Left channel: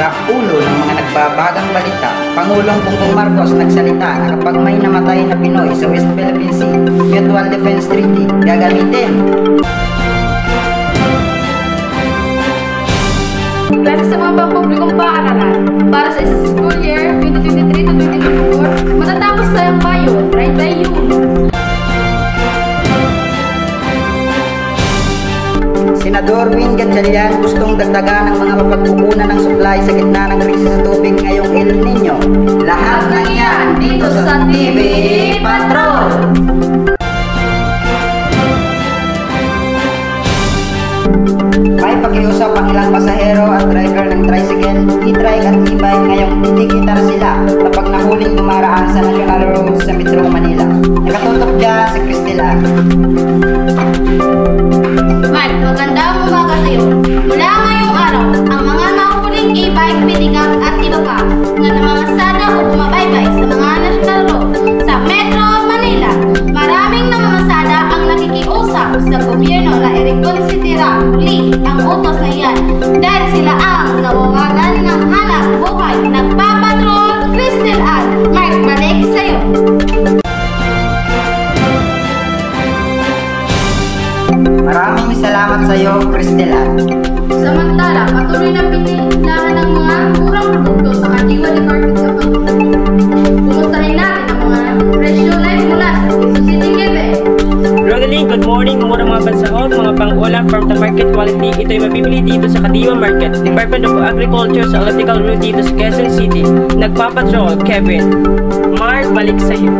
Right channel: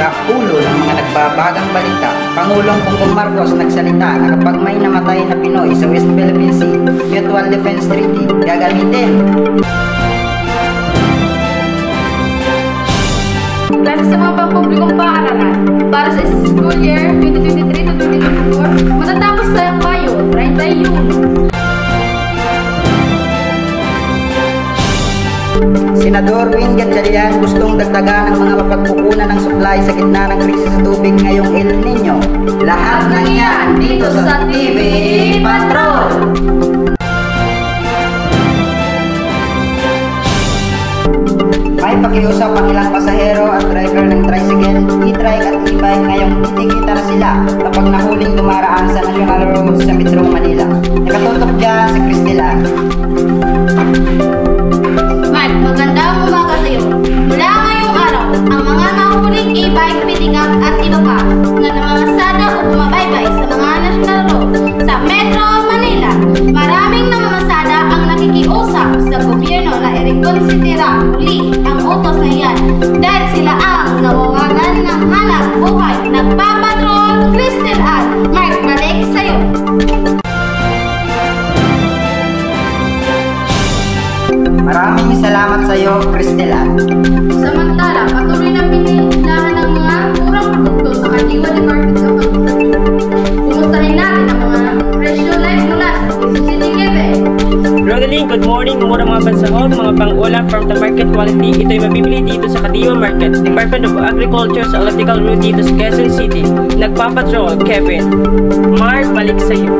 Sa ulo ng mga nagbabagang balita, Pangulong Bongbong Marcos nagsalita na kapag may namatay na Pinoy sa West Philippine Sea, Mutual Defense Treaty gagamitin. Klase sa mga pampublikong paaralan para sa school year 2023 to 2024, matatapos tayong Mayo 31. Senador Win Gatchalian gustong dagdagan ng mga mapagkukunan ng supply sa gitna ng krisis sa tubig ngayong El Nino. Lahat ng yan dito sa TV Patrol! May pakiusap ang ilang pasahero at driver ng tricycle, e-trike at e-bike ngayong titikita na sila kapag nahuling dumaraan sa National Road sa Metro Manila. Nakatutok dyan si Cristela. Mark, magandang umaga sa iyo. Mula ngayong araw, ang mga nahuling e-bike, pick-up at iba pa na namamasada o bumabaybay sa mga National Road sa Metro Manila, maraming namamasada ang nakikiusap sa gobyerno na i-reconsidera muli ang utos na yan dahil sila ang nawawalan ng hanap buhay. Nagpapatrol, Crystal Ann. Mark, balik sa iyo. Maraming salamat sa iyo, Cristela. Samantala, patuloy na pinilahan ng mga murang produkto sa Kadiwa Department of Agriculture. Kumustahin natin ang mga presyo live mula sa Quezon City, Quebec. Rodeline, good morning. Murang mga pansahog, mga pang-ulam from the market quality. Ito'y mabibili dito sa Kadiwa Market, Department of Agriculture sa Electrical Road dito sa Quezon City. Nagpapatrol, Kevin. Mark, balik sa iyo.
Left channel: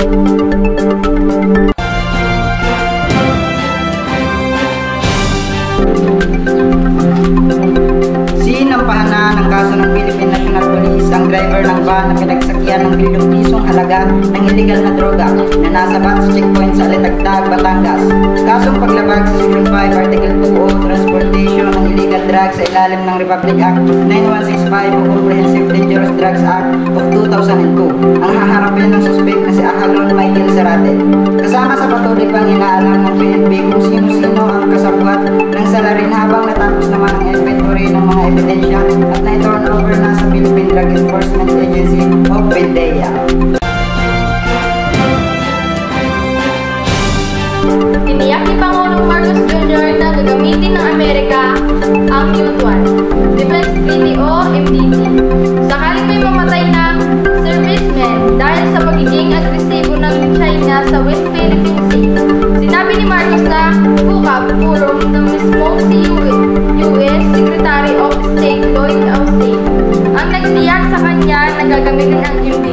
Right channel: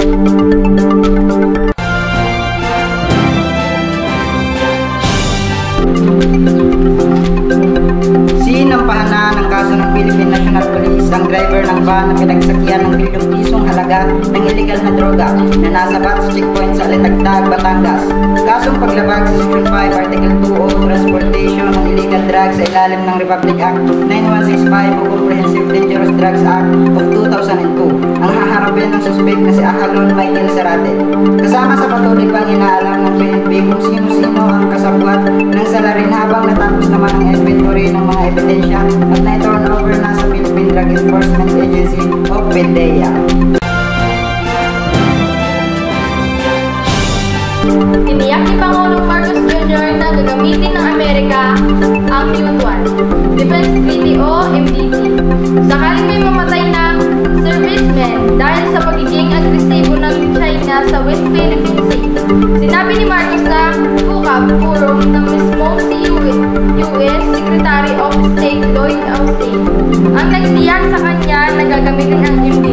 Sinampahan na ng kaso ng Philippine National Police ang driver ng van na pinagsakyan ng milyong pisong halaga ng illegal na droga na nasabat sa checkpoint sa Alitagtag, Batangas. Kasong paglabag sa Section 5, Article 2 o Transportation ng Illegal Drugs sa ilalim ng Republic Act 9165 o Comprehensive Dangerous Drugs Act of 2002. Ang haharapin ng suspect na si Ahalon Michael Zarate. Kasama sa patuloy pang inaalam ng PNP kung sino-sino ang kasabwat ng salarin habang natapos naman ang inventory ng mga ebidensya at na-turn over na sa Philippine Drug Enforcement Agency o PDEA. Iniyak ni Pangulong Marcos Jr. na gagamitin ng Amerika ang Mutual Defense Treaty o MDT sakaling may mamatay na servicemen dahil sa pagiging agresibo ng China sa West Philippine Sea. Sinabi ni Marcos na forum ng mismo si US Secretary of State Lloyd Austin ang nagtiyak sa kanya na gagamitin ang MDT.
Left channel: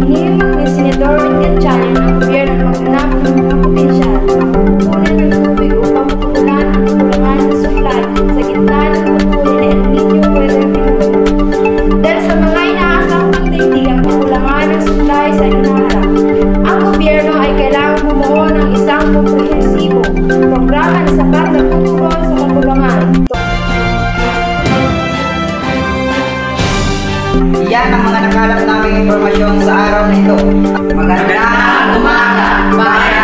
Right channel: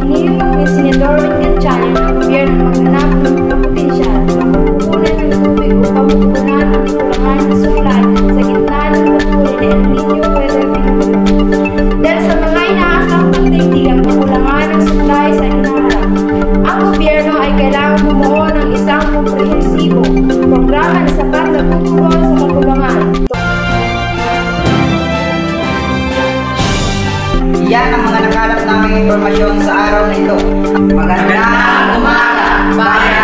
Inihimak ni Senador Win Gatchalian ng gobyerno na maghanap ng mga potensyal pupunan ng tubig upang matugunan ang kakulangan ng supply sa gitna ng patuloy na El Nino weather phenomenon. Dahil sa mga inaasang pagdaigdigang kakulangan ng supply sa hinaharap, ang gobyerno ay kailangang bumuo ng isang komprehensibo programa na sapat na tutugon sa kakulangan. Yan ang mga nakalap naming impormasyon sa araw na ito. Magandang umaga, bayan!